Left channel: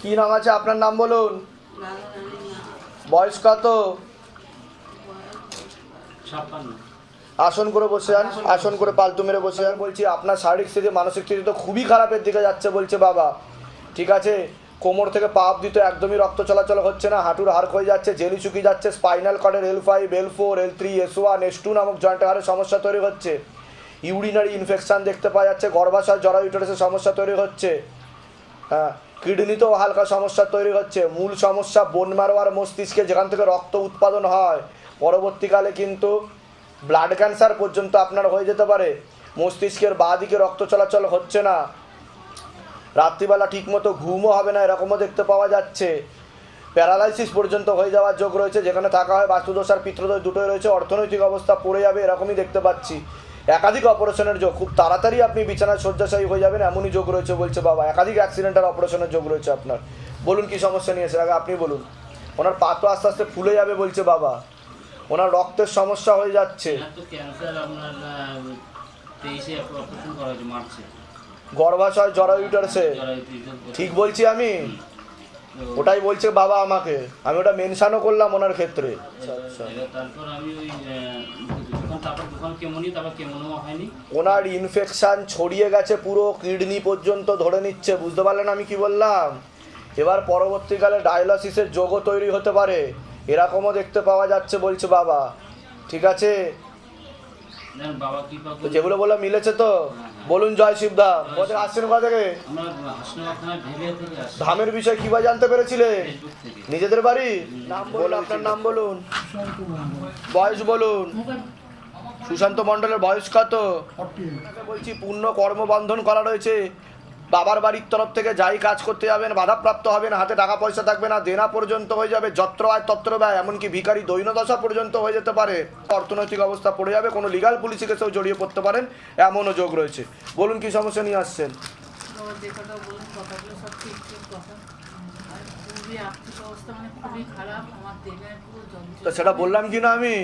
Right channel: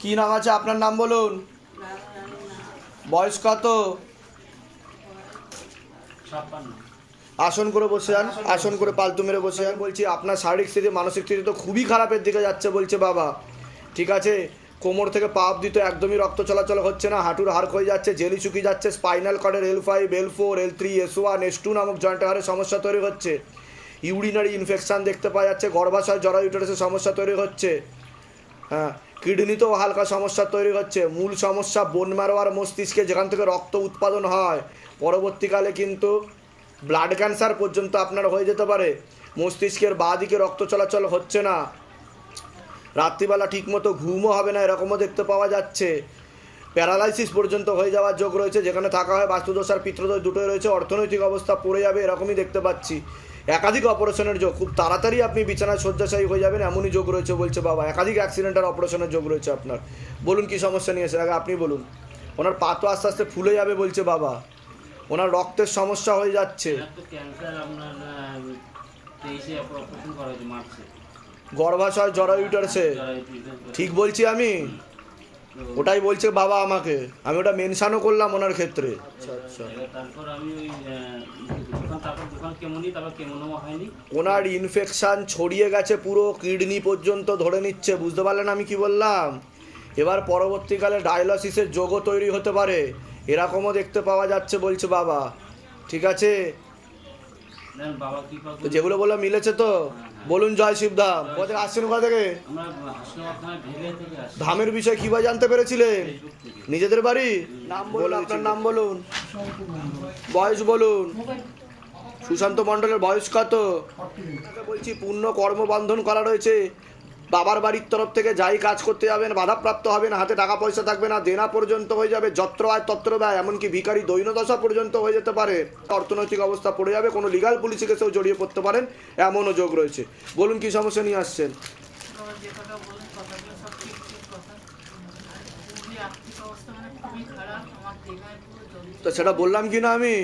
কি নাম আছে আপনার নাম বলুন? বয়স কত? আসন করে বসে যান আসন করে পালতু মেরে বসে যান বলছি আপনার শারীরিক স্থিতি মানসিক স্থিতি তো খুবই খারাপের দিকে যাচ্ছে বলছে বাবা। ঠিক আছে? কোমর থেকে পা অব্দি তো একদমই রক্ত চলাচল হচ্ছে না হাঁটুর হাড় ক্ষয়ে যাচ্ছে জেলি চুকি যাচ্ছে spinal কর্ডের L five L four L three S one S two নামক জয়েন্টের হাড়ের সমস্যা তৈরি হচ্ছে। ইউরিনারি ইনফেকশান দেখতে পাওয়া যাচ্ছে গর্ভাশয় জরা ইউটারাসের সমস্যা তৈরি হচ্ছে। হ্যাঁ কিডনিতেও হালকা সমস্যা তৈরি হচ্ছে। মূল সমস্যা বোন মারো আর মস্তিষ্কে যেখান থেকে রক্ত উৎপাদন হয়। পরবর্তীকালে কিন্তু ব্লাড ক্যান্সার পর্যন্ত আপনার হয়ে যেতে পারে। মস্তিষ্কের বাঁ দিকে রক্ত চলাচল হচ্ছে না। রাত্রিবেলা ঠিকমতো ঘুমও হবে না, এরকমও দেখতে পাওয়া যাচ্ছে। প্যারালাইসিস পর্যন্ত হয়ে যাওয়ার যোগ রয়েছে, যেখানে থাকা হয় বাস্তুদোষ আর পিত্রদোষ দুটোই রয়েছে। অর্থনৈতিক অবস্থা পড়ে যাবে, এরকমই দেখতে পাচ্ছি। একাধিক অপারেশনের যোগ খুব তাড়াতাড়ি আপনি বিছানায় শয্যাশায়ী হয়ে যাবেন এমনই যোগ রয়েছে বলছে বাবা। একাধিক অ্যাক্সিডেন্টের অপারেশনের যোগ রয়েছে আপনার। বলুন কি সমস্যা নিয়েছে আগে আপনি বলুন। ওনার পা তো আস্তে আস্তে ফুলে যাবে বলছে বাবা। ওনার রক্তের সমস্যা হয়ে যাচ্ছে। গর্ভাশয় জরায়ুটারসে ঠিক বলছি আমি? ওটাই বলছে বাবা আমাকে। আমি ওটা মেনশানও করলাম ওনার ক্ষেত্রে। তারপর আমি ওই আহ, দোকান তারপর দোকান কেমনই তারপর কেমনও হয়নি। ওনার ইনফেকশন ছড়িয়ে গেছে পুরো কিডনি পর্যন্ত ধরে নিচ্ছে বুঝতে পারলেন আমি কি বললাম? এবার পরবর্তীকালে ডায়ালিসিসের যোগও তৈরি হতে পারে। এরকমও দেখতে পাওয়া যাচ্ছে বলছে বাবা। ঠিক আছে? দেন বাবা কি পাক তো যেগুলো বললাম মিলেছে তো? বলুন জয় শিবধাম কোথায় আসছেন কোথা থেকে? ধামের বিষয়ে কীভাবে জানতে পেরেছিলে? নিজেদের বাড়ি? নাম বলুন আপনার নাম বলুন। বয়স বলুন। সুশান্ত মণ্ডলের বয়স কত? বলছি পূর্ণ কর্মবন্ধন করা রয়েছে। বাবার বাড়ির তরফ থেকে যাই কাজ করতে যাবেন বাধাপ্রাপ্ত হবেন হাতে টাকা পয়সা থাকবে না দেনা পর্যন্ত হয়ে যাবে যত্র আয় তত্র ব্যয় এমনকি ভিখারি দৈনদশা পর্যন্ত হয়ে যেতে পারে। অর্থনৈতিক অবস্থা পড়ে যাবে কোনো লিগাল পুলিশি কেসেও জড়িয়ে পড়তে পারেন এমনও যোগ রয়েছে। বলুন কি সমস্যা নিয়ে আসছেন? অবস্থা মানে তো সেটা বললাম কি না আমি?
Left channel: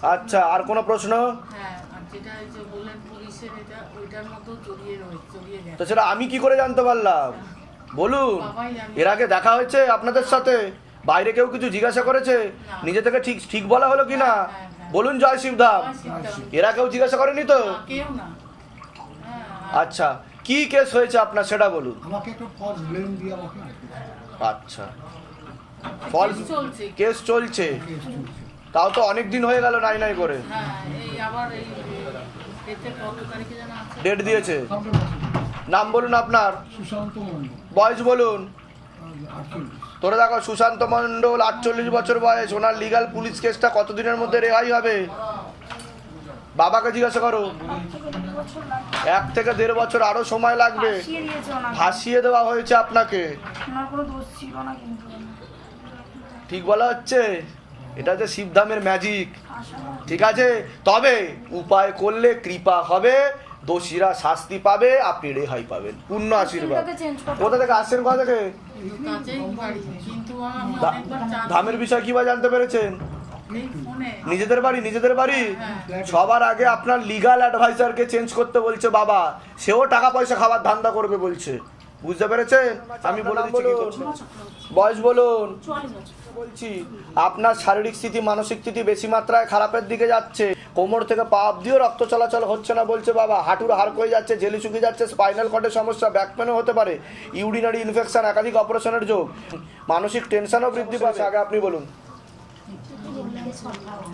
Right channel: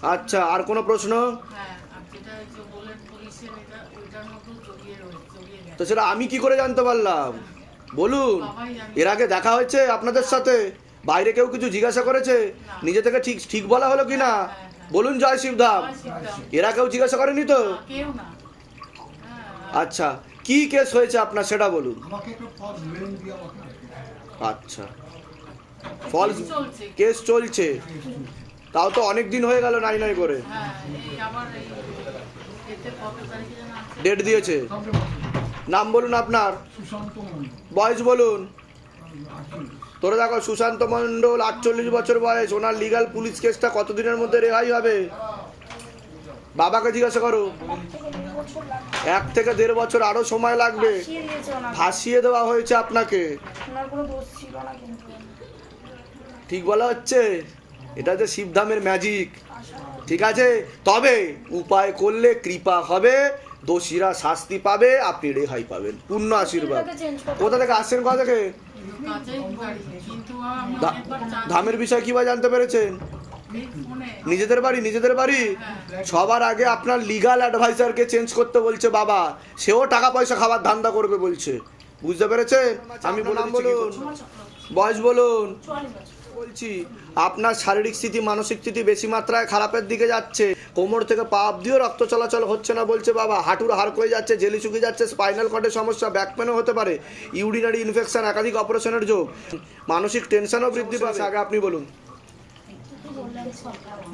তো আচ্ছা আর কোনো প্রশ্ন? হ্যাঁ যেটা যে বললেন পুলিশের এটা ওইটার মতো জড়িয়ে রয়েছে। তো সেটা আমি কি করে জানতে পারলাম? বলুন এর আগে দেখা হয়েছে আপনাদের সাথে? বাইরে কেউ কিছু জিজ্ঞাসা করেছে? নিজে থেকে ঠিক ঠিক বলা হলো কি না হ্যাঁ, হ্যাঁ। বলুন জয় শিবধাম এরা কেউ জিজ্ঞাসা করেনি তো? হ্যাঁ। আচ্ছা কি কেস হয়েছে আপনার সেটা বলুন। আমাকে একটু পথ ব্লেম দিয়ে আমাকে আচ্ছা। ফলস কেস চলছে। তাও তো অনেক দিন হয়ে গেল নাই নাই করে। হ্যাঁ ডেট দিয়েছে। নাম বলুন আপনার। সুশান্ত মন্ডল বয়স বলুন। তোরা দেখো সুশান্ত মণ্ডল আটচল্লিশ বছর বয়স। ওনার লিগাল পুলিশ কেসটা কতদিনের মধ্যে রেহাই হবে? বাবাকে জিজ্ঞাসা করো। এক থেকে দেড় বছর আরও সময় লাগবে। ফাঁসিয়ে দেওয়া হয়েছে আপনাকে। ঠিক বলা হচ্ছে? এটা হচ্ছে শিবধামের ম্যাজিক ঠিক আছে? তবে উপায় করলে কৃপা হবে। দোষীরা শাস্তি পাবে আপনি রেহাই পাবেন। পূর্ণ আশীর্বাদ কোথা থেকে আসছেন কোথা থেকে? ধামের বিষয় কীভাবে জানতে পেরেছেন? নিজেদের বাড়ি নিজেদের বাড়ি? হ্যাঁ। সবার আগে আপনার লিগাল অ্যাডভাইজারকে চেঞ্জ করতে বলছে বাবা। সেও টাকা পয়সা খাবার ধান্দা করবে বলছে। বুঝতে পেরেছেন? আমি বলে বলুন। কি বয়স বলুন। বলছি আপনার শারীরিক স্থিতি মানসিক স্থিতি বেশি মাত্রায় খারাপের দিকে যাচ্ছে। কোমর থেকে পা অব্দিও রক্ত চলাচল হচ্ছে না বলছে বাবা। হাঁটুর হাড় হয়ে যাচ্ছে জেলি চুকে যাচ্ছে স্পাইনাল কর্ডের সমস্যা ব্যাক পেনও হতে পারে। ইউরিনারি ইনফেকশন একাধিক অপারেশনের যোগ। মানসিক টেনশনও বৃদ্ধি পাচ্ছে আগে আপনি বলুন।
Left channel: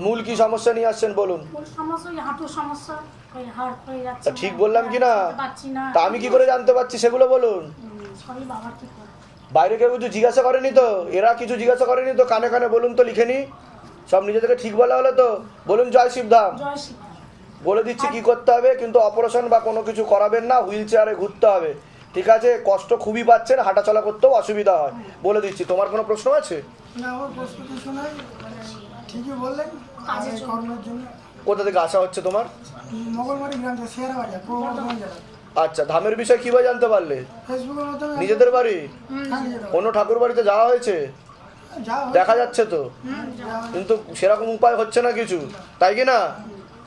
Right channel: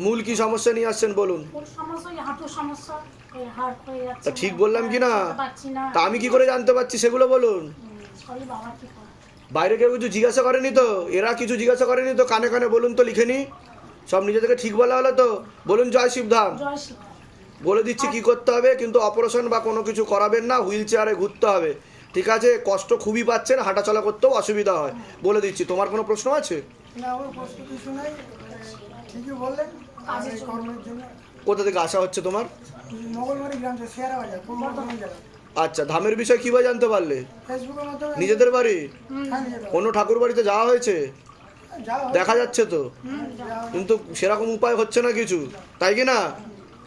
মূল কি সমস্যা নিয়ে আসছেন বলুন। ঠিক বললাম কি না। তা আমি কি করে জানতে পারছি সেগুলো বলুন। বাইরে কেউ কিছু জিজ্ঞাসা করেনি তো? এরা কিছু জিজ্ঞাসা করেনি তো? কানে কানে বলুন তো লিখে নি। সব নিজে থেকে ঠিক বলা হলো তো? বলুন জয় শিবধাম। জয় বলে দিচ্ছি কি করতে হবে কিন্তু অপারেশন বা কোনো কিছু করাবেন না হুইল চেয়ারে ঘুরতে হবে। ঠিক আছে? কষ্ট খুবই পাচ্ছেন হাঁটাচলা করতেও অসুবিধা হয়। বলে দিচ্ছি তোমার কোনো প্রশ্ন আছে? না আমার প্রশ্ন কিছু নাই। মানে জন্য। কোথা থেকে আসা হচ্ছে তোমার? আচ্ছা ধামের বিষয় কীভাবে জানতে পারলে? নিজেদের বাড়ি? হ্যাঁ। অন্য ঠাকুর বাড়িতে যাওয়া হয়েছে? দেখা যাচ্ছে তো। কিন্তু সেরকম উপায় হচ্ছে না কিছু। তাই কি না?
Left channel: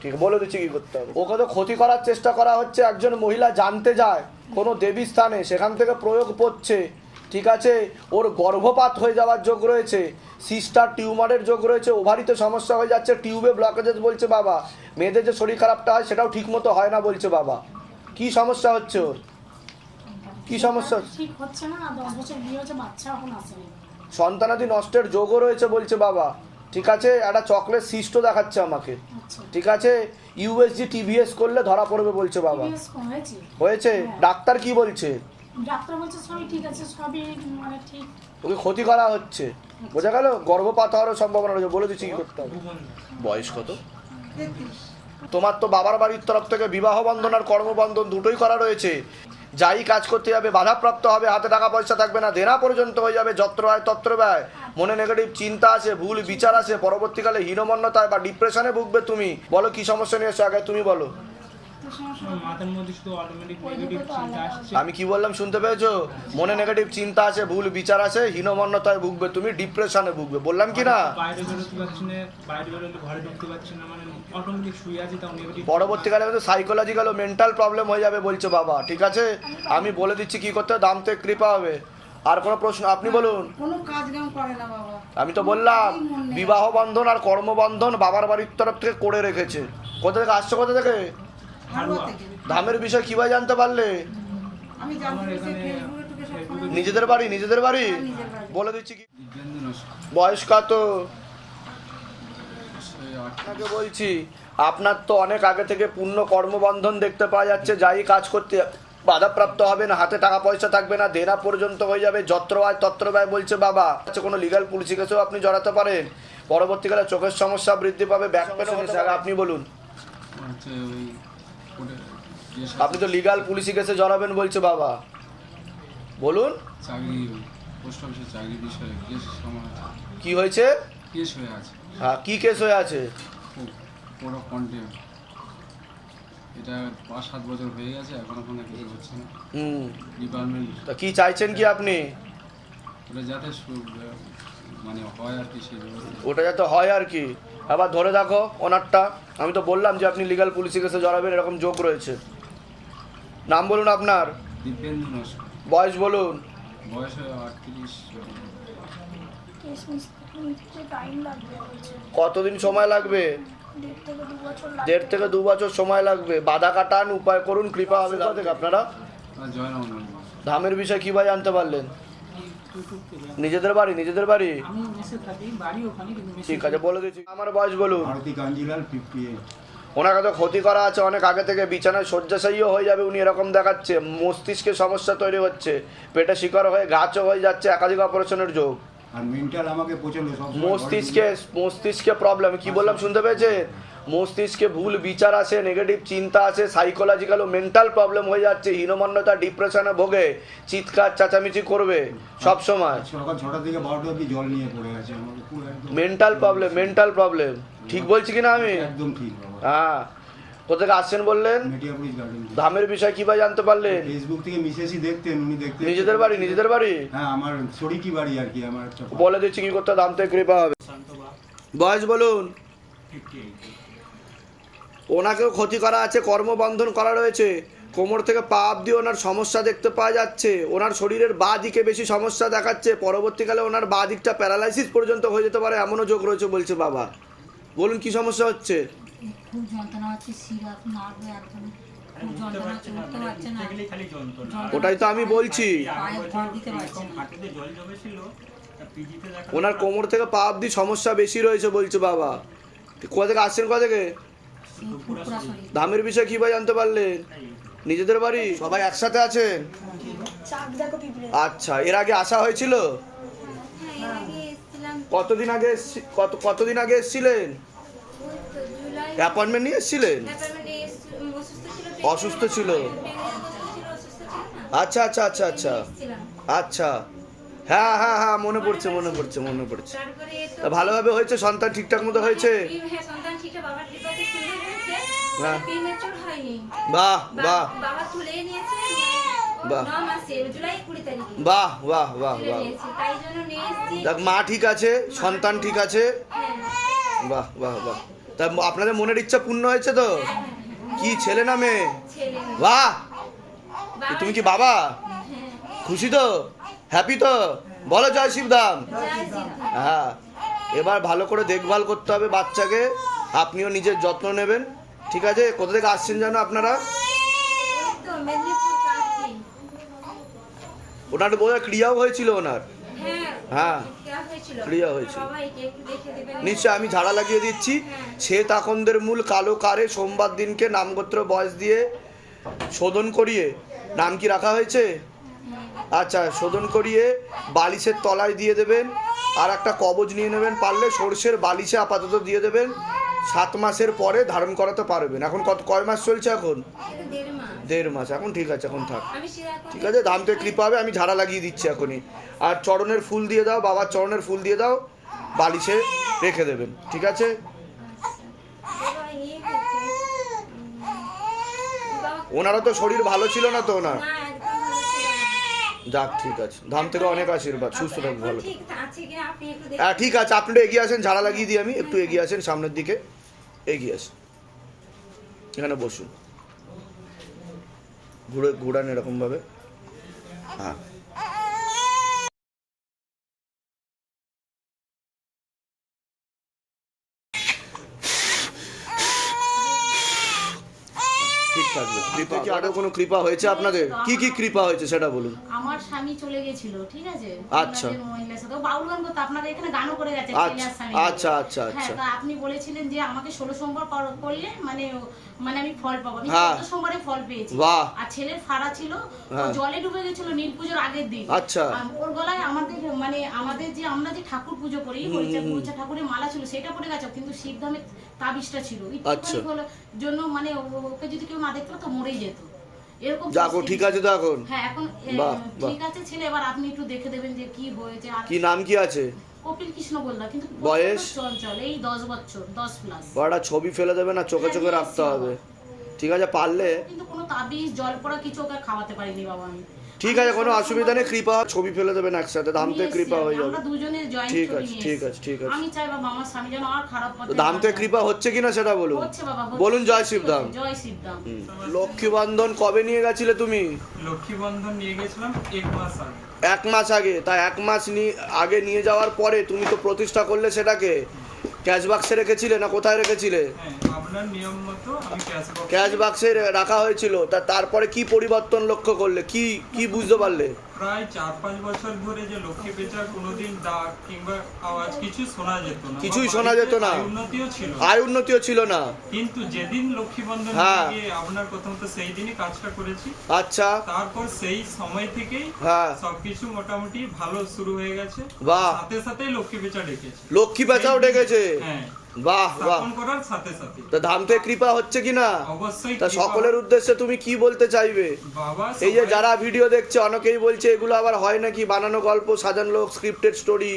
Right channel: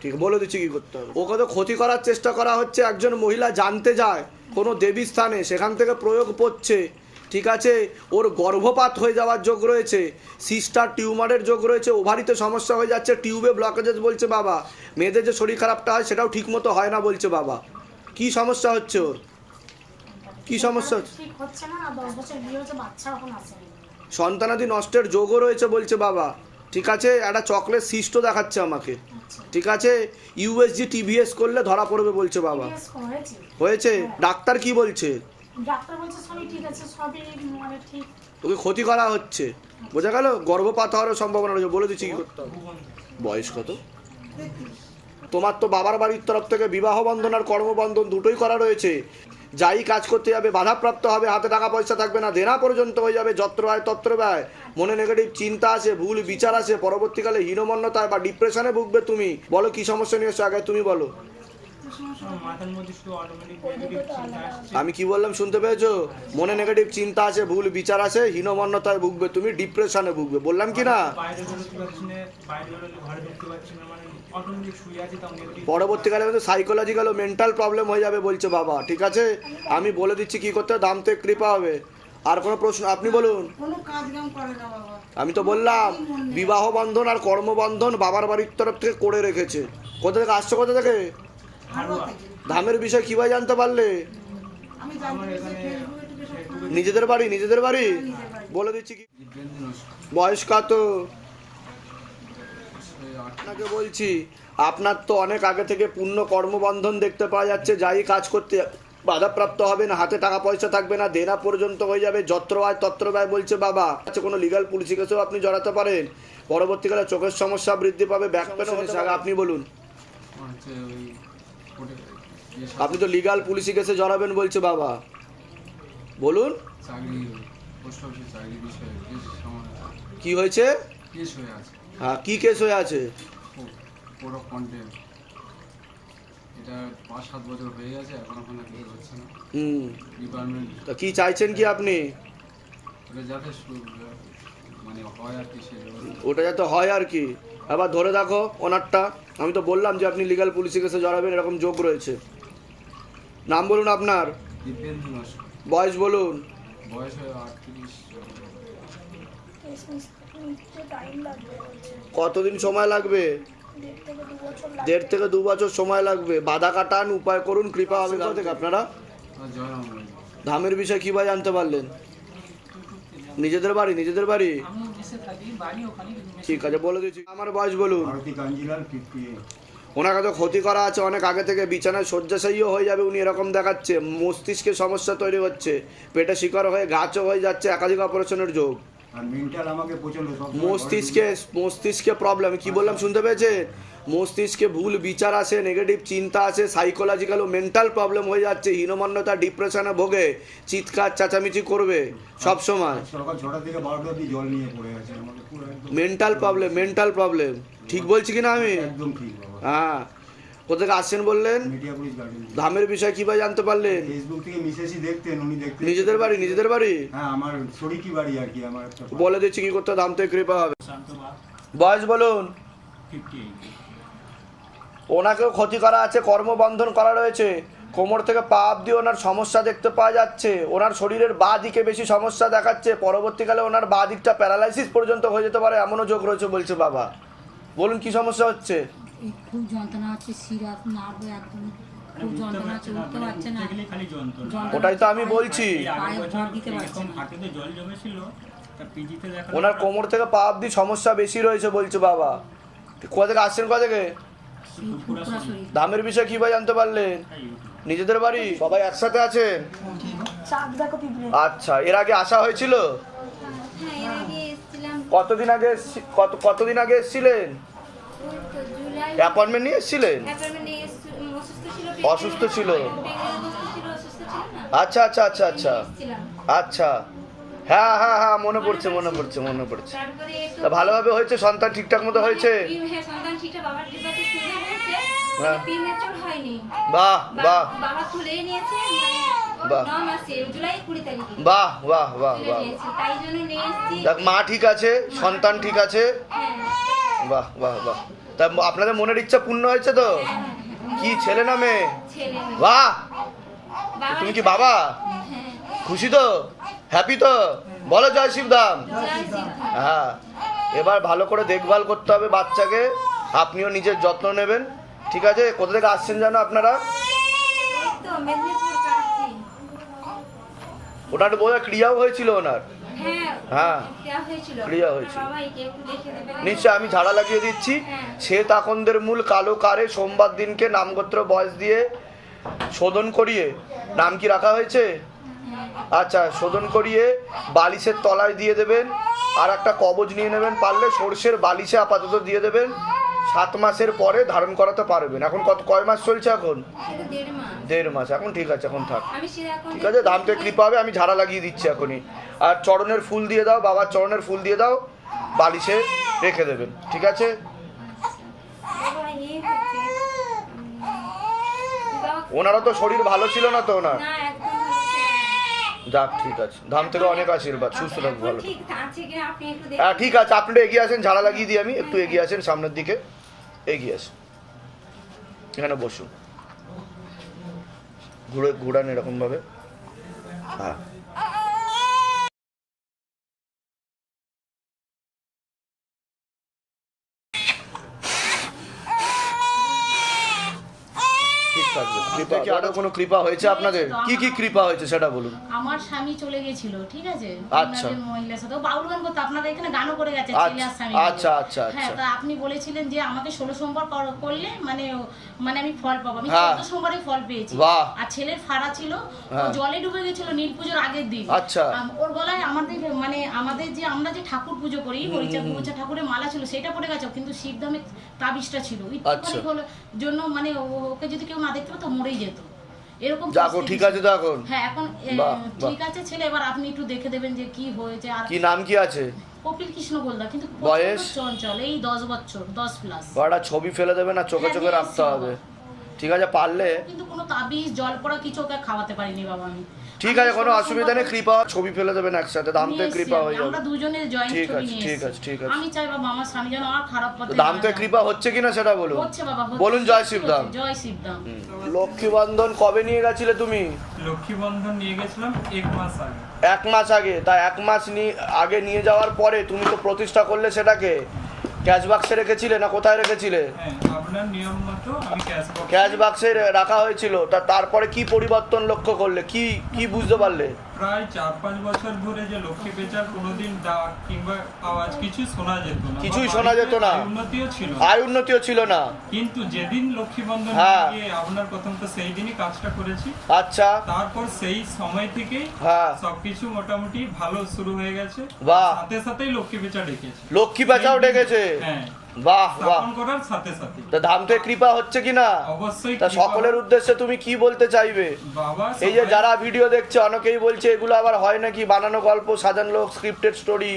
ঠিক বলে দিচ্ছি কি করতে হবে। ওকে তো ক্ষতি করার চেষ্টা করা হচ্ছে, একজন মহিলা জানতে যায়, কোনো দেবী স্থানে, সেখান থেকে প্রয়োগ পড়ছে, ঠিক আছে? ওর গর্ভপাত হয়ে যাওয়ার যোগ রয়েছে সিস্টার টিউমারের যোগ রয়েছে ওভারিতে সমস্যা হয়ে যাচ্ছে টিউবে ব্লকেজেস বলছে বাবা। মেয়েদের যে শরীর খারাপটা হয়, সেটাও ঠিকমতো হয় না বলছে বাবা। কি সমস্যা হচ্ছে ওর? কি সমস্যা হচ্ছে? না বাচ্চা এখন সন্তানাদি নষ্টের যোগও রয়েছে বলছে বাবা। ঠিক আছে? একটা চকলেট সিস্টও দেখাচ্ছে আমাকে। আচ্ছা। ঠিক আছে? ইউএসজি টিভিএস করলে ধরা পড়বে বলছে বাবা। হয়েছে? হয়েছে ডাক্তার কি বলছে? ডাক্তার বলছে সবই ঠিক আছে সবই মানে ঠিক। ওকে ক্ষতি করা হচ্ছে। বোঝা গেল? গর্ভপাত হওয়ারও সম্ভাবনা রয়েছে। বলে দিচ্ছি কি করতে হবে? বয়স কত? তোমার তো বাবার বাড়ির তরফ থেকে বিবাহ বন্ধন আর কর্মবন্ধন দুটোই করা রয়েছে। যাই কাজ করতে যাবে, বাধাপ্রাপ্ত হবে, হাতে টাকা পয়সা থাকবে না, দেনা পর্যন্ত হয়ে যাবে, যত্র ব্যয় তত্র ব্যয়। মনে নেগেটিভ চিন্তা আছে ভুল বিচার আছে পরবর্তীকালে হীনমন্যতায় বা ডিপ্রেশনে ভুগবে তুমি। বলো কি সমস্যা নিয়ে এসে, আগে তুমি বলো। মাথার মধ্যে শুধু অটোমেটিক নেগেটিভ চিন্তা আসছে। আমি কি বললাম শুনতে পেয়েছ? মনে নেগেটিভ চিন্তা আছে ভুল বিচার আছে হীনমন্যতায় ভুগবে তুমি ডিপ্রেশনে ভুগবে বললাম কি না? বাইরে বেরোতে পারছি না বাইরে বেরোলে ঘরে ঢুকতে পারছি না মানে অটোমেটিক শুয়ে আছি তাও নেগেটিভ পরবর্তীকালে কিন্তু সাইকোলজিক্যাল ও মেন্টাল প্রবলেম হয়ে যাবে বলছে বাবা ঠিক আছে? আমি বলে দিচ্ছি কি করতে হবে, দামতে কৃপা হবে। আর কোনো প্রশ্ন আপনি বলুন। আমি তো বললাম বিবাহ বন্ধন আর কর্মবন্ধন বাবার বাড়ির তরফ থেকে করে রেখেছে। কোথা থেকে আসছে কোথা থেকে? ধামের বিষয় কীভাবে জানতে পারলে? নিজেদের বাড়ি নিজেদের বাড়ি? বলে দিচ্ছি কি? বয়স কত? আপনাকে বলছি আপনার তো অনেক আগে থেকে পূর্ণ কর্মবন্ধন দেখতে পাওয়া যাচ্ছে যাই কাজ করতে বাধাপ্রাপ্ত হবে না হাতে টাকা পয়সা থাকবে না দেনা পর্যন্ত হয়ে যাবে যত্র ব্যয় তত্র ব্যয় বলছে বাবা। আচ্ছা কোনো লিগাল পুলিশি কেসেও আপনি জড়াতে পারেন। পরবর্তীকালে চোখের সমস্যা বৃদ্ধি পাবে ব্যাক আপনি বলুন। আপনি তো লিগাল পুলিশি কেসে জড়াবেন বলছে বাবা। বলুন। চাকরি পোস্ট অফিসে চাকরি বিষয়ে কেস কি হয়েছে? কেস হয়ে আছে। হ্যাঁ কি কেস হয়ে আছে? কন্টেম এটা পাঁচ সাত বছর হয়ে গেছে এখনও কোনো কিছু হচ্ছে না। হুম। ডিপার্টমেন্ট তা কি চাইছেন কি আপনি? ওটা যাতে মানে হয় আর কি সেই ওটা যাতে হয় আর কি। আবার ধরে দেখো ওনারটা আমি তো বললাম যে আপনি লিগাল পুলিশি কেসে জড়াবেন এরকম যোগ রয়েছে। নাম বলুন আপনার। বয়স বলুন। কতদিন সময় লাগবে? দেড় থেকে দু বছর লাগবে। দেড় থেকে দু বছর সময় লাগবে। বাধা কাটান উপায় করুন কৃপা হবে কোথা থেকে আপনারা। আর জয়রাম মন্দির ধামের বিষয় কীভাবে জানতে পারলেন? নিজেদের বাড়ি নিজেদের বাড়ি? আমি মেসে থাকি বাড়ি ওখানে কিন্তু মেসে ঠিক আছে বলে দিচ্ছি। আমার বয়স বলুন। ভারতী কাঞ্জিলাল ফিফটি ওনাকে তো ক্ষতি করা আছে অনেক আগে থেকে বিছানায় শয্যাশায়ীও হয়ে যাবে উনি এরকম দেখাচ্ছে। মস্তিষ্কে সমস্যা তৈরি হচ্ছে পেটে শিকার হয়ে গাছও হয়ে যাচ্ছে একাধিক অপারেশনের যোগ। আর মেন্টাল আমাকে প্রচণ্ড মস্তিষ্কে মস্তিষ্কে প্রবলেম কি বললাম শুনতে পেয়েছে? মস্তিষ্কে ভুল বিচার আছে নেগেটিভ চিন্তা আছে সাইকোলজিক্যাল ও মেন্টাল প্রবলেম হয়ে যাচ্ছে হীনমন্যতা ডিপ্রেশনে ভোগে চিৎকার চেঁচামেচি করবে সব সময় মেন্টাল প্রবলেম মেন্টাল প্রবলেম ঠিক বলছি কিনা আমি? একদম ঠিক হ্যাঁ। কোথেকে আসছেন বললেন? ধামের বিষয় কীভাবে জানতে পারলেন? ফেসবুক থেকে মিসেসই দেখতেন উনি দেখতেন। নিজেদের বাড়ি নিজেদের বাড়ি? হ্যাঁ আমার শরিকি বাড়ি আর কি আমার একটা বলে দিচ্ছি কি করতে দাম থেকে কৃপা হবে। বয়স বলুন। ওনাকেও ক্ষতি করা আছে কর্মবন্ধন করা রয়েছে। কোমর থেকে পা অব্দি ওনার সমস্যা দেখতে পাওয়া যাচ্ছে। ওনার শরীরের বা দিকে বেশি সমস্যা দেখাচ্ছে। পরবর্তীকালে ওনার বা দিকটা প্যারালাইসিস পর্যন্ত হয়ে যেতে পারে এমনও যোগ রয়েছে বলছে বাবা। বলুন কি সমস্যা হচ্ছে? খুব যন্ত্রণা হচ্ছে শিরা নার্ভ একদম খুব যন্ত্রণা হচ্ছে উঠতে পারছে না। খালি যন্ত্রণা। যন্ত্রণা ওটাই তো আমি বলছি। ওনার কোমর থেকে পা অব্দি সমস্যা বেশি রয়েছে বলছে বাবা। কোথা থেকে আসছেন কোথা থেকে? দামের বিষয়ে কীভাবে জানতে পারলেন নিজেদের বাড়ি? সবাই একসাথে আছেন? আচ্ছা এর আগে আসা হয়েছিল? হ্যাঁ এর আগে এসেছিলাম। কতদিন আগে এসছি- কত কতদিন আগে এসেছিলেন? অ্যাপয়েন্টমেন্ট নিয়ে এসেছিলেন? অসুস্থ ছিল অসুস্থ ছিল। প্রেগনেন্ট অসুস্থ ছিল অসুস্থ ছিল না। আচ্ছা আচ্ছা আচ্ছা আচ্ছা। আচ্ছা। হ্যাঁ হ্যাঁ হ্যাঁ মনে পড়ছে মনে পড়ছে মনে পড়ছে। তা ভালোভাবে হয়েছে? সন্তান ঠিকঠাক মতো হয়েছে? হ্যাঁ হ্যাঁ। হয়নি। বাহ বাহ। বাহ। বাহ বাহ বাহ দেখ মা ঠিক আছে সন্তান ঠিক আছে? হ্যাঁ বাহ বাহ বাহ। তা আপনাদের মনের ইচ্ছা পূর্ণ হয়েছে তো? কি ছেলে না মেয়ে? বাহ! তুমি কি বাবা? খুশি তো? হ্যাপি তো? বলো জয় শিবধাম হ্যাঁ। এবার ভালো করে দেখভাল করতে হবে বাচ্চাকে। আপনিও নিজের যত্ন নেবেন। ঠিক আছে? কোথা থেকে আসছেন জানো আপনারা? ওনার বোধহয় ক্রিয়াও হয়েছিল ওনার। হ্যাঁ হ্যাঁ। হয়েছিল। ক্রিয়া হয়েছিল। নিশ্চয় আমি ঝাড়া লাগিয়ে দিচ্ছি। সে তাকনদের মূল কালো কারে সোমবার দিনকে নামগোত্র বয়স দিয়ে শোধন করিয়ে। নাম কি রাখা হয়েছে? আচ্ছা শোধন করিয়ে বালিশের তলায় দিয়ে দেবেন আর একটা কবজ নিয়ে নেবেন পারলে সর্ষের বালিশে আপাতত দিয়ে দেবেন সাত মাসের পরে ধারণ করাতে পারবেন। এখন কত কয় মাস চলছে এখন? দেড় মাস। এখন ঠিক আছে এখন থাক। ঠিক আছে দাম তো কৃপা হবে আমি ঝাড়া লাগিয়ে দিচ্ছি এখনই। আর চরণের ফুল দিয়ে দাও বাবার চরণের ফুল দিয়ে দাও বালিশে রেখে দেবেন। ঠিক আছে? ওনারা তো শরীর ভালো ছিল না তো ওনার না একদম ভালো ছিল না। যাক ঠিক আছে। ধাম থেকে অনেক আশীর্বাদ সুস্থ এখন ভালো হ্যাঁ ঠিক আছে আপনি এগিয়ে আসেন ঝাড়া লাগিয়ে দিই আমি একটু এগিয়ে আসেন সামনের দিকে এগিয়ে আসেন। এখানে বসুন। ঘুরে ঘুরান এরকমভাবে। হ্যাঁ। কৃপা কি আরও কোনো কৃপা হয়েছে আপনাদের কি কি কৃপা হয়েছে সেটা বলুন আমার স্বামী চলে গেছিল ঠিক আছে আচ্ছা। মহিলার সাথে বাউল গান করতো আপনাদের এখানে গানও করে গেছে ছেলে স্বামী। আচ্ছা, আচ্ছা, হ্যাঁ আচ্ছা। তা আপনি বলেছিলেন যে আমাকে ষোলো সোমবার করলে মানে মানে আমি ফল পাবো আমি হ্যাঁ। চোদ্দ সোমবারে ফল পেয়েছি আর ছেলের ফাড়া ছিল ও হ্যাঁ। জলে ডুবে গেছিল নীল পুজোর আগের দিন আচ্ছা। ওর গলায় আমাদের মানে আমাদের যে আমরা যে ঠাকুর পুজো করি হরিচা গুরুচা ঠাকুরের মালা ছিল সেটা পড়ে গেছে কিন্তু শিবধামের তাবিজটা ছিল আচ্ছা। জন্য মানে ওকে যদি কেউ না দেখতো তো মরেই যেত। এরকম যাকো ঠিক আছে তো এখন? হ্যাঁ এখন বাহ। ঠিক আছে ছেলে এবার আপনি একটু দেখে দেবেন যে কি হয়েছে আর কি নাম কি আছে? কপিল কৃষ্ণ বলদা কিন্তু বয়স? চঞ্চল এই দশ বছর দশ প্লাস ছবি ফেলে দেবে না চোখে হ্যাঁ, চোখে নিয়ে রাখতে এসছি হবে। ঠিক আছে পারলে? কিন্তু কোনো তাবিজ জল পড়া কিছু ওকে খাওয়াতে পারিনি বাবা আমি। ঠিক আছে কোনো অসুবিধা নেই কৃপা ছবি ফেলে দেবেন একসাথে দাম থেকে কৃপা হয়ে যাবে আমরা দুজনে জয়েন্ট ঠিক আছে, ঠিক আছে, ঠিক আছে। আমি চাই বাবা আমার স্বামী যেন আর খারাপ পথে দাম থেকে কৃপা হচ্ছে কিনা সেটা বলুন। হচ্ছে বাবা বলুন জয় শিবধাম জয় শিবধাম লক্ষ্মী বন্ধন কবে নিয়ে গেছিলে তুমি? লক্ষ্মী বন্ধন নিয়ে গেছিলাম এক মাস আগে। এক মাস আগে তা এক মাস নিয়ে আগে নিয়ে যাওয়ার পরে তুমি তো প্রতিষ্ঠা করলে সেটাকে। ক্যাশ বাক্সে রেখেছিলে না কোথায় রেখেছিলে? ক্যাশ বাক্সে রাখা হয়েছিল। তা তারপরে কি পরিবর্তন লক্ষ্য করলে? কি কি বুঝতে পারলে? প্রায় চার পাঁচ বছর ধরে যে লক্ষ্মী পেঁচার কোনোদিন ডাক কিংবা আওয়াজ কিছু শোনা যেত না কিছুই শোনা যেত না। উন্নতিও ছিল। আয় উন্নতিও ছিল না কিন্তু যেদিন লক্ষ্মী বন্ধন হ্যাঁ। গিয়ে আপনার প্রথম তো সেই দিনই কাজটা করেছি আচ্ছা তারপর সেই সময় থেকেই হ্যাঁ সবকিছু মোটামুটি ভালো শুরু হয়ে গেছে বাহ। সাথে সাথেই লক্ষ্মী পেঁচা ডেকেছে লক্ষ্মী পেঁচাও ডেকেছে হ্যাঁ বাহ বাহ। করার সাথে সাথে। তা ধাম থেকে কৃপা হচ্ছে কিনা? অবশ্যই তা সকলের উদ্দেশ্যে তুমি কি বলতে চাইবে? এই যে যারা ভিডিও দেখছে অনেকেই বলছে এগুলো আবার হয় নাকি বানানো গল্প সাজানো লোক স্ক্রিপ্টেড স্টোরি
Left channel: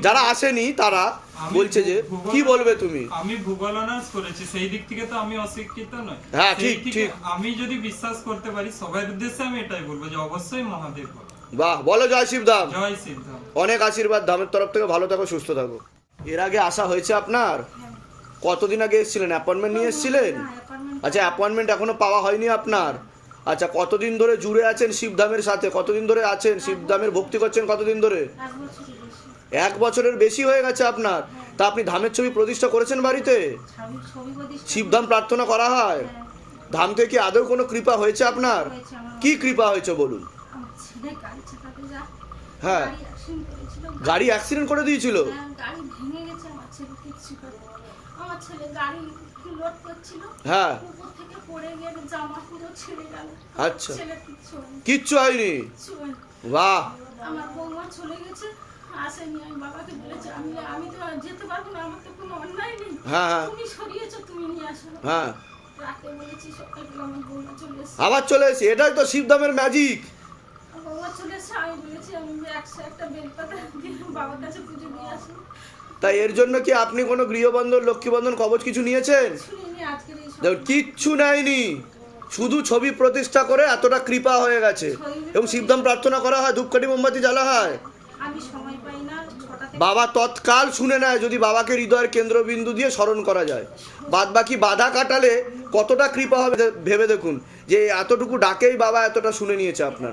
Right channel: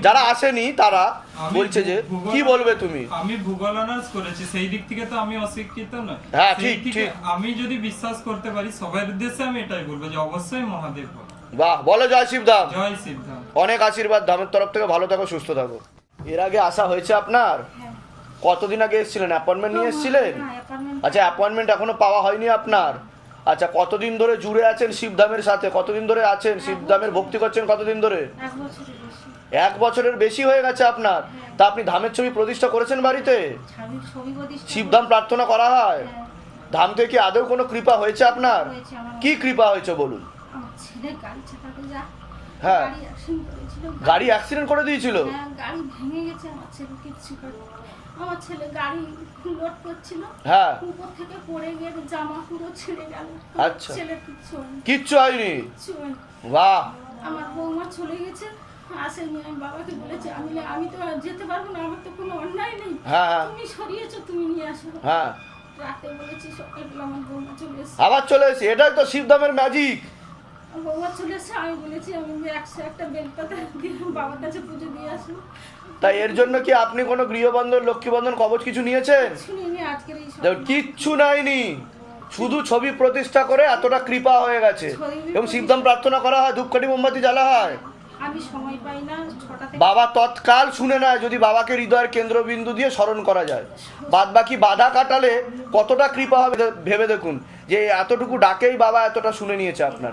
যারা আসেনি তারা বলছে যে কি বলবে তুমি? আমি ভূগোল অনার্স করেছি সেই দিক থেকে তো আমি অশিক্ষিত নই। হ্যাঁ, ঠিক, ঠিক। আমি যদি বিশ্বাস করতে পারি সবার উদ্দেশ্যে আমি এটাই বলব যে অবশ্যই মহাদেব বাহ বলো জয় শিবধাম। জয় সিদ্ধান্ত অনেক আশীর্বাদ ধামের তরফ থেকে ভালো থাকো সুস্থ থাকো। এর আগে আসা হয়েছে আপনার? কতদিন আগে এসেছিলেন? অ্যাপয়েন্টমেন্ট নিয়ে এসেছিলেন? হ্যাঁ আচ্ছা অ্যাপয়েন্টমেন্ট এখনও পাওয়া হয়নি আপনার? আচ্ছা কতদিন ধরে জুড়ে আছেন শিবধামের সাথে? কতদিন ধরে আছেন? শিবধামের ভক্তি করছেন কতদিন ধরে? এক বছরের বেশি। হয়ে গেছে আপনার? তা আপনি ধামের ছবি প্রতিষ্ঠা করেছেন বাড়িতে? শিবধাম প্রার্থনা করা হয়? ধাম থেকে কি আদৌ কোনো কৃপা হয়েছে আপনার? কি কৃপা হয়েছে বলুন? হ্যাঁ। গাড়ি অ্যাক্সিডেন্ট করে দিয়েছিল? হ্যাঁ, গাড়ি ভেঙে গেছে আমার ছেলে কিচ্ছু করে আমার ছেলে গাড়ি লোড করছিল হ্যাঁ। উপর থেকে পড়ে গিয়ে জামা পুরো ছিঁড়ে গেল। আচ্ছা। ছেলে কিচ্ছু কিচ্ছু হয়নি। বাহ। আমার বৌমা চলে গেছে আসেনি আমি বাবাকে বলেছি আমি আমি তো যেতে পারব না আমার তো কোনো অন্যায় নেই। হ্যাঁ হ্যাঁ। তুমি সরিয়েছো তুমি নিয়ে আসো। হ্যাঁ। রাতে বলেছি সকালবেলা আমার বৌমা চলে এসছে। আবার চলে এসে এটাই তো শিবধামের ম্যাজিক বৌমা চলে এসছে আমি বলেছি আমি একশো একটা বেলপাতা বাবার কাছে পুজো দিয়ে আসব। তাই এর জন্য কি আপনি কোনো গৃহবন্ধন লক্ষ্মীবন্ধন কবচ কিছু নিয়েছেন? কিচ্ছু নেয়নি শুধু ছবি প্রতিষ্ঠা করে এতটা কৃপা হয়ে গেছে। এবং শিবধাম প্রার্থনা করা হয় ধূপকাঠি মোমবাতি জ্বালা হয়। আমি সময় পাই না বাবা তৎকাল শুনে নেয় যদি বাবাকে হৃদয়ের কেন্দ্রবিন্দু দিয়ে স্মরণ করা যায়। বাদ বাকি বাধা কাটালে কতটা কৃপা হবে ভেবে দেখুন যে এতটুকু ডাকেই বাবা এতটা শুনে নিয়েছে আপনার।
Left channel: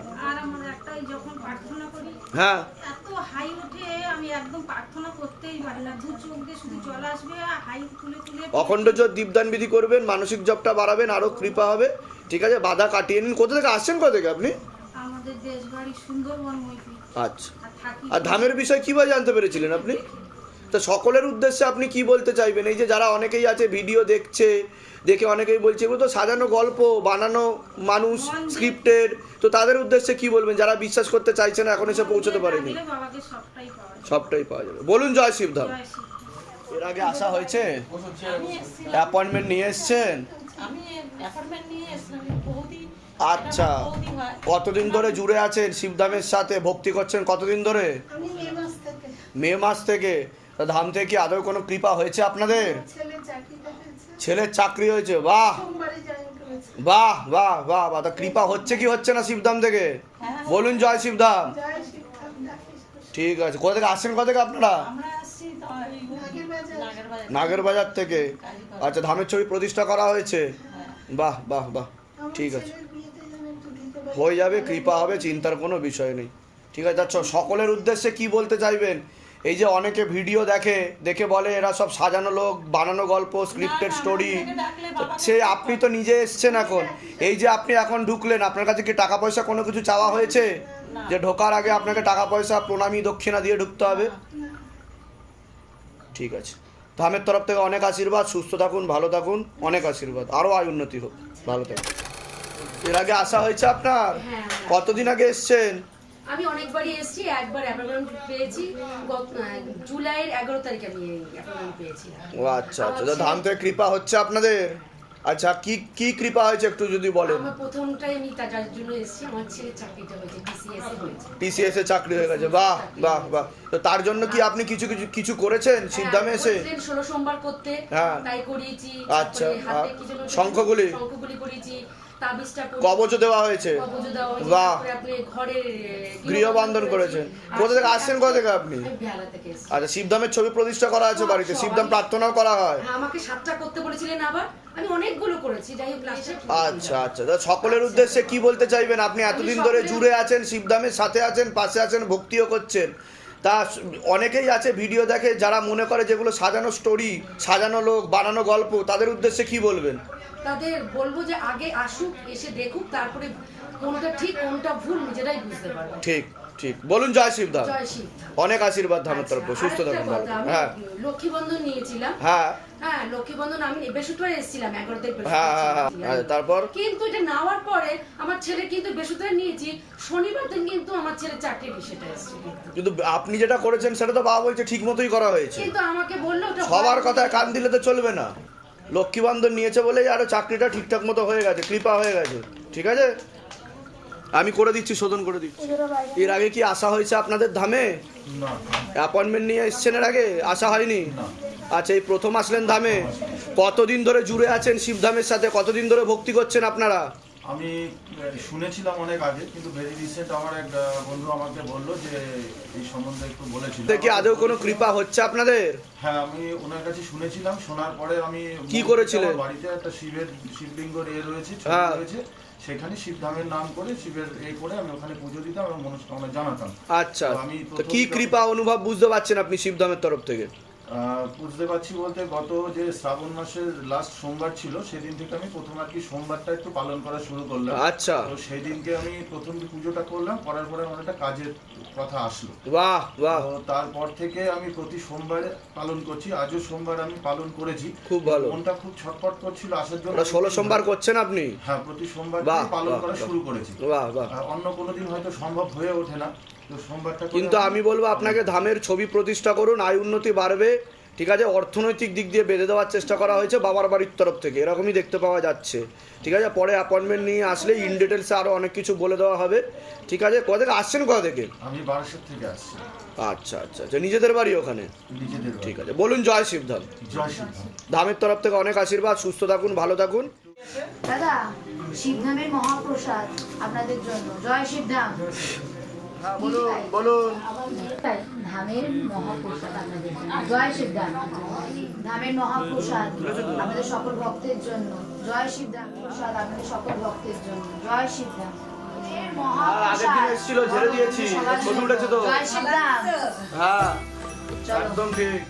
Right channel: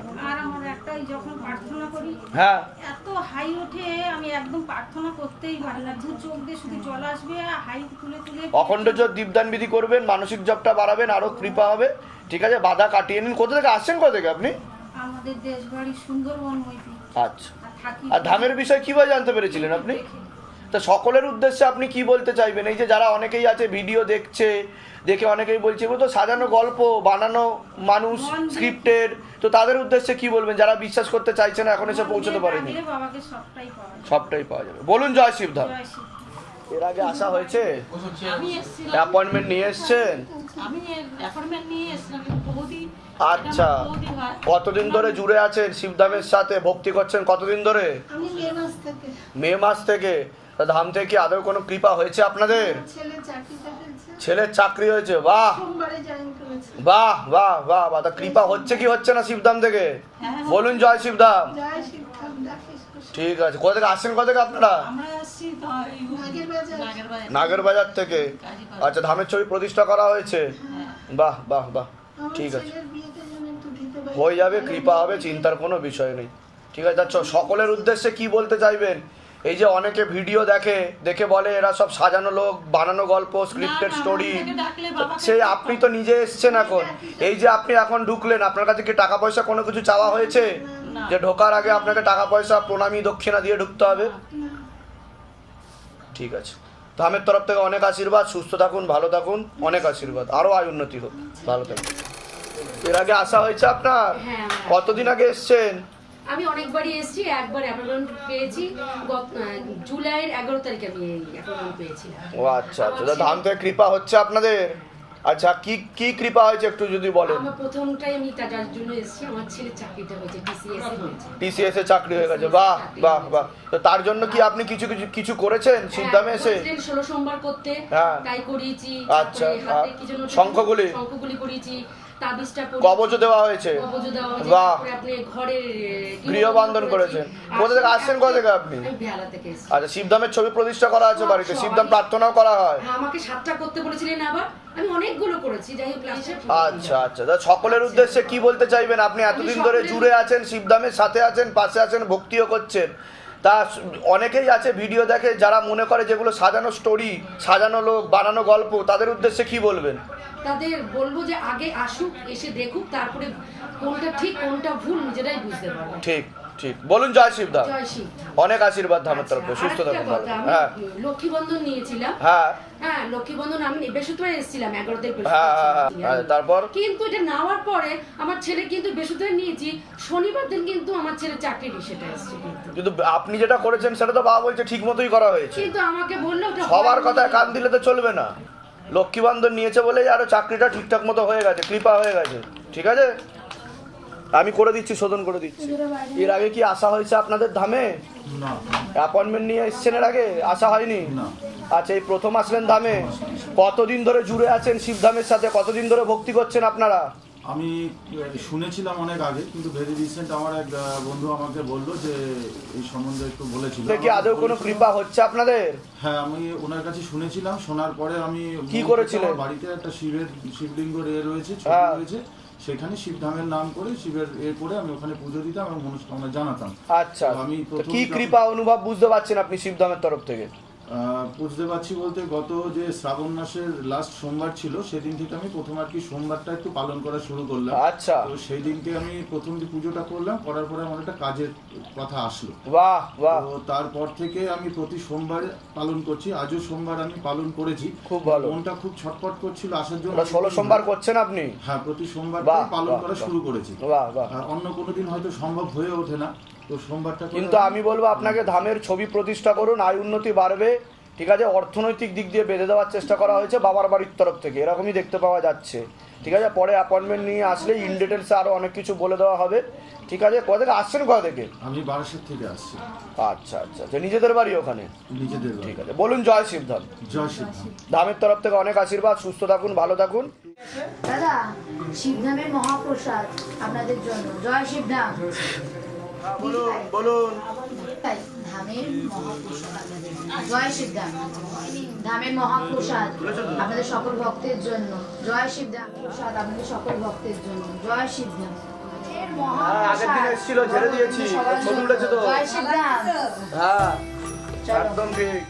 হ্যাঁ। এত হাই ওঠে আমি একদম প্রার্থনা করতেই পারি না। দু চোখ দিয়ে শুধু জল আসবে হাই তুলে তুলে অখণ্ড জোর দীপদান বিধি করবেন মানসিক জপটা বাড়াবেন আরও কৃপা হবে। ঠিক আছে বাধা কাটিয়ে নিন। কোথা থেকে আসছেন কোথা থেকে আপনি? আমাদের দেশ বাড়ি সুন্দরবন আচ্ছা। আর ধামের বিষয়ে কীভাবে জানতে পেরেছিলেন আপনি? তো সকলের উদ্দেশ্যে আপনি কি বলতে চাইবেন? এই যে যারা অনেকেই আছে ভিডিও দেখছে দেখে অনেকেই বলছে তো সাজানো গল্প বানানো মানুষ স্ক্রিপ্টেড তো তাদের উদ্দেশ্যে কি বলবেন? যারা বিশ্বাস করতে চাইছে না এখন এসে পৌঁছতে পারেনি। সবটাই পাওয়া যায় সবটাই পাওয়া যাবে। বলুন জয় শিবধাম জয় এর আগে আসা হয়েছে? অ্যাপয়েন্টমেন্ট নিয়ে এসছেন? আমি অ্যাপয়েন্টমেন্ট নিয়ে এসেছিলাম বহুদিন আচ্ছা হয় কতদিন ধরে জুড়ে আছেন শিবধামের সাথে? ভক্তি করছেন কতদিন ধরে? মে মাস থেকে। মে মাস থেকে। তা ধাম থেকে কি আদৌ কোনো কৃপা হয়েছে আপনাদের? ছেলে ছেলের চাকরি হয়েছে। বাহ! বাহ বাহ বাহ বাহ। তা কৃপা হচ্ছে কি হচ্ছে না শিবধাম থেকে? বলুন জয় শিবধাম। জয় ঠিক আছে কোথা থেকে আসছেন কোথা থেকে আপনারা? নাগের বাজার। নাগের থেকে। আচ্ছা ধামের ছবি প্রতিষ্ঠা করা হয়েছে। বাহ বাহ বাহ। ঠিক আছে ছেলের বিয়েতে যেন একটু দিতে পারি হয়ে যাবে কৃপা হবে চিন্তার কোনো বিষয় নেই। ঠিক আছে আচ্ছা সকলের উদ্দেশ্যে কি বলতে চাইবেন? এই যে অনেকে ভিডিও দেখে দেখে বলে এরা সব সাজানো লোক বানানো গল্প স্ক্রিপ্টেড স্টোরি সেই আপনি তো নিজে এসছেন এখন। এই যে আপনি এখন ঢুকলেন আপনার কাছে কি টাকা পয়সা কোনো কিছু চাওয়া হয়েছে? যে ঢোকার আগে আপনাকে টাকা পয়সা প্রণামী দক্ষিণা দিয়ে ঢুকতে হবে? ঠিক আছে। ধামের তরফ থেকে অনেক আশীর্বাদ সুস্থ থাকুন ভালো থাকুন অনেক আশীর্বাদ। আরও আয় উন্নতি হোক। ভালো থাকুন। এর আগে আসা হয়েছে আপনার? হ্যাঁ, কতদিন আগে এসছেন? আমি অনেকবারই এসেছি একবার অ্যাপয়েন্টমেন্ট পেয়েছি জুলাইয়ের এগারো তারিখে আমি অ্যাপয়েন্টমেন্ট পেয়েছি। ও আচ্ছা আচ্ছা। ধাম থেকে কৃপা হচ্ছে আপনাদের? আচ্ছা কি কি কৃপা হয়েছে একটু যদি বলেন? আমার প্রথমটাই আমি টাকার জন্য এসেছি আমার ছেলে চাকরিটা হয়েছে টিসিএস হয়েছে। টিসিএস এ চাকরি হয়ে গেছে। বাহ বাহ বাহ। তো তার জন্য কি আপনি কিছু কিছু কিছু করেছেন? সিদ্ধামে এসে? ষোলো সোমবার করতে। হ্যাঁ। তাই করিয়েছি। আচ্ছা, শঙ্খগুলি? শঙ্খগুলি করিয়েছি তাবিজটা কবচও দেওয়া হয়েছে। কবজ দেওয়া হয়েছে তারপরে আপনি ঘরের গৃহবন্ধন করেছেন। কোথা থেকে আসছেন কোথা থেকে আপনি? বেহালা থেকে আচ্ছা শিবধামের ছবি প্রতিষ্ঠা করা আছে বাড়িতে। শিবধাম প্রার্থনাও করা হয়। হ্যাঁ আমাকে সাতটা করতে বলেছিলেন আবার। আমি অনেকগুলো করেছি যাই হোক আচ্ছা আচ্ছা। তা সকলের উদ্দেশ্যে কি বলতে চাইবেন? আপনি এতদিন ধরে জুড়ে আছেন শিবধামের সাথে আছেন পাশে আছেন ভক্তিও করছেন। তা অনেকেই আছে ভিডিও দেখে যারা মনে করে যেগুলো সাজানো স্টোরি সাজানো লোক বানানো গল্প তাদের উদ্দেশ্যে কি বলবেন? তাদের বলব যে আগে আসুক এসে দেখুক তারপরে কোনটা ঠিক কোনটা ভুল নিজেরাই বুঝতে পারবে ঠিক। ঠিক। বলুন জয় শিবধাম জয় অনেক আশীর্বাদ ধামের তরফ সুস্থ থাকুন কথা। আমি হ্যাঁ। লক্ষ্মী বন্ধন নিয়েছিলাম। হ্যাঁ। হ্যাঁ লক্ষ্মী বন্ধন আমি বৃহস্পতিবার এসেছিলাম এগারো তারিখ হ্যাঁ, হ্যাঁ, হ্যাঁ, তারপর? কিন্তু এটা নেওয়ার পরে আমার ছেলে কিন্তু বৃহস্পতিবার নিয়েছি শনিবার দিন কিন্তু আমার ছেলে সেটা এসেছে কিন্তু। আপনি যেটা করেছেন সেটা তো বাবা বলছে ঠিক মতোই করা হয়েছে। কিন্তু আমাকে বলল সবার। কথায় কান দিলে তো চলবে না। লক্ষ্মীবান্ধন নিয়েছে বলেই আরও চাকরিটা ঠিকঠাক মতো হয়ে গেছে কৃপা হয়ে গেছে। ঠিক আছে? আমি করে দিচ্ছি শোধন করে দিচ্ছি। এর আগে কি আসা হয়েছে আপনাদের ধামে? না অ্যাপয়েন্টমেন্ট নিয়ে এসছেন এর আগে? আসা হয়নি? আচ্ছা এই প্রথম আসলেন ধামে। কতদিন ধরে জুড়ে আছেন শিবধামের সাথে? কতদিন ধরে ভক্তি করছেন আপনারা? আমি শুনেছিলাম অনেক আগে কিন্তু ভেরি রিসেন্ট আমার এক বন্ধু আমাকে বলল যে এই সম্বন্ধে একটু বলেছিল। দেখি আদৌ কোনো কৃপা হচ্ছে আপনাদের? হ্যাঁ আমি ওনার কাছে শুনেছিলাম শোনার পরে আমি কি করেছিলেন? বাড়িতে একটা শিবের শিবলিঙ্গ রয়েছে ছবি হ্যাঁ। রয়েছে। সেখানে শিবধামের নাম করে শিবের এ করে আমি ওখানে পুজো দিতাম এবং মনস্কামনা জানাতাম। আচ্ছা। আমি কি কৃপা অনুভব বুঝতে পারছেন আপনি শিবধামের তরফ থেকে? বুঝতে পারছি বলতে গত যে শ্রাবণ মাসের লাস্ট সোমবার ছিল সেদিন থেকে আমি প্রথম আর কি সোমবারটা একটু পালন করা শুরু করলাম। আচ্ছা। তো সেই দিনকে আমি প্রথম যে পুজোটা করলাম করার পরে আমার একটা কাজের কথা আসলো। বাহ বাহ। তো তারপর থেকে আমি প্রতি সোমবার পালন করছি আজও সোমবার আমি পালন করেছি। খুব ভালো। মনটা খুব ছটফট করছিল আসার জন্য ষোলো সোমবার করছেন আপনি? হ্যাঁ প্রতি সোমবার পালন করা শুরু করেছি। বাহ বাহ। আর অন্য কোনো দিন হয়তো সম্ভব হয়ে ওঠে না। কিন্তু আমি বলব আপনাকে ধামের ছবি প্রতিষ্ঠা করুন আয় উন্নতি বাড়বে। ঠিক আছে? অর্থনৈতিক দিক দিয়ে বেঁধে দেওয়ার চেষ্টা করা হয়েছে বাবার বাড়ির তরফ থেকে। এরকমই দেখতে পাওয়া যাচ্ছে। ঠিক আছে? পরে অ্যাপয়েন্টমেন্ট নিয়ে আসলে ইন ডিটেলসে আরও অনেক কিছু বলে দেওয়া হবে। ঠিক আছে? কোথা থেকে? আসছেন কোথা থেকে? আমি বারাসাত থেকে আসছি। আচ্ছা আচ্ছা আচ্ছা। নিজেদের বাড়ি ওখানে? নিজেদের ঠিক আছে। বলুন জয় শিবধাম জয় সিদ্ধান্ত ধামের তরফ থেকে অনেক আশীর্বাদ। সুস্থ থাকুন ভালো থাকুন। দাদা শিবধামের মহাপ্রসাদ আপনাদের জন্য। জয় শিবধাম বলুন বলুন। ধামের মহাপ্রসাদ আপনাদের জয় শিবধাম ধামের মহাপ্রসাদ আপনাদের সকল ভক্তের জন্য। জয় শিবধাম প্রসাদ আপনাদের সকল ভক্তের জন্য। জয় শিবধাম হ্যাঁ জয় শিবরাম হ্যাঁ একদম ঠিক।